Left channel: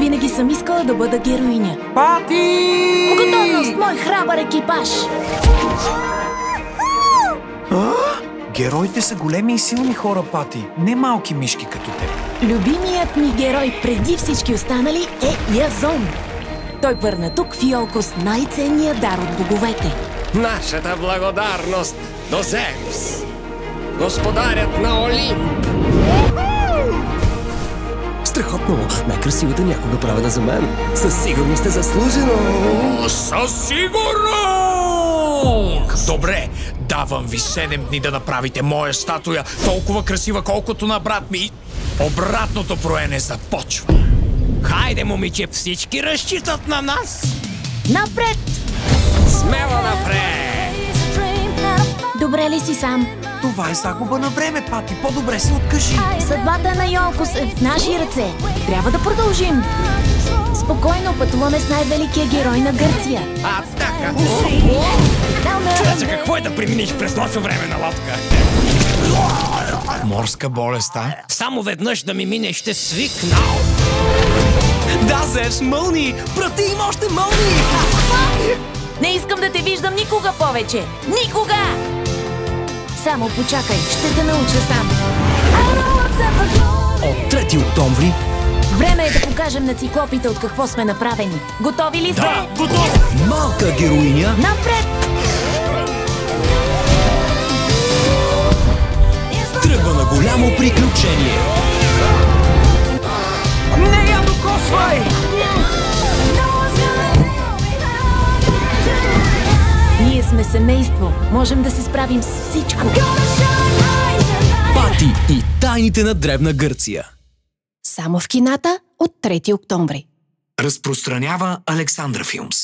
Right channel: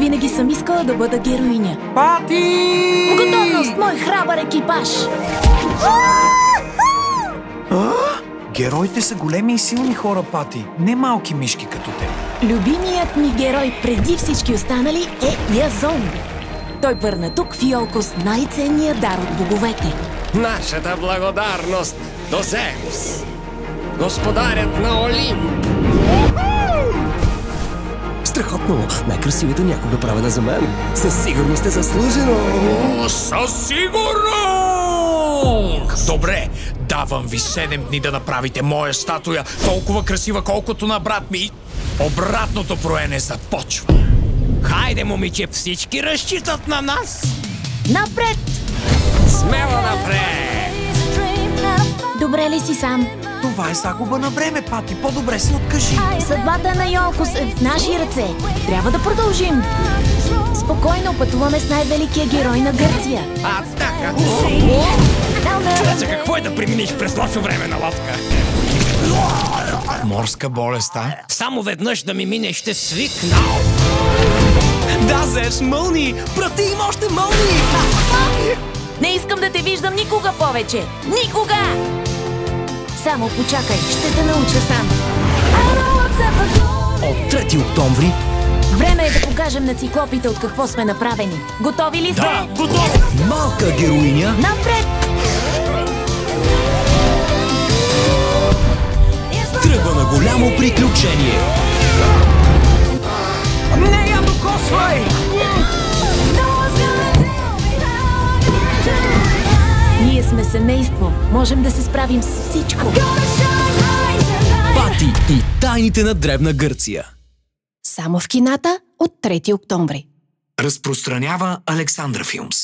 Винаги съм искала да бъда героиня. Пати! В готовност, мой храбър екипаж! Героите са големи и силни хора, Пати. Не малки мишки като теб. Любимият ми герой преди всички останали е Язон. Той върна тук в Иолкос най-ценния дар от боговете. Нашата благодарност до Зевс, господарят на Олимп. Страхотно! Най-красивата някога правена за мен. Със сигурност е заслужено! О, със сигурност! Добре, давам ви 7 дни да направите моя статуя толкова красива, колкото на брат ми. Обратното броене започва. Хайде, момиче, всички разчитат на нас. Напред! Смело напред! Добре ли си сам? Това е загуба на време, Пати. По-добре се откажи. Съдбата на Иолкос е в наши ръце. Трябва да продължим. Спокойно пътуваме с най-великия герой на Гърция. Атака! Чудя се какво е да преминеш през нощно време на лодка. Морска болест, а? Само веднъж да ми мине, ще свикнал. Да, Зевс, мълни! Прати им още мълни! Не искам да те виждам никога повече. Никога! Само почакай, ще те науча сам. От 3 октомври... Време е да покажем на циклопите от какво сме направени. Готови ли сте? Да, готов! Малка героиня... Напред! Тръгва на голямо приключение. Не я докосвай! Ние сме семейство. Можем да се справим с всичко. Пати и тайните на древна Гърция. Само в кината от 3 октомври. Разпространява Александра Филмс.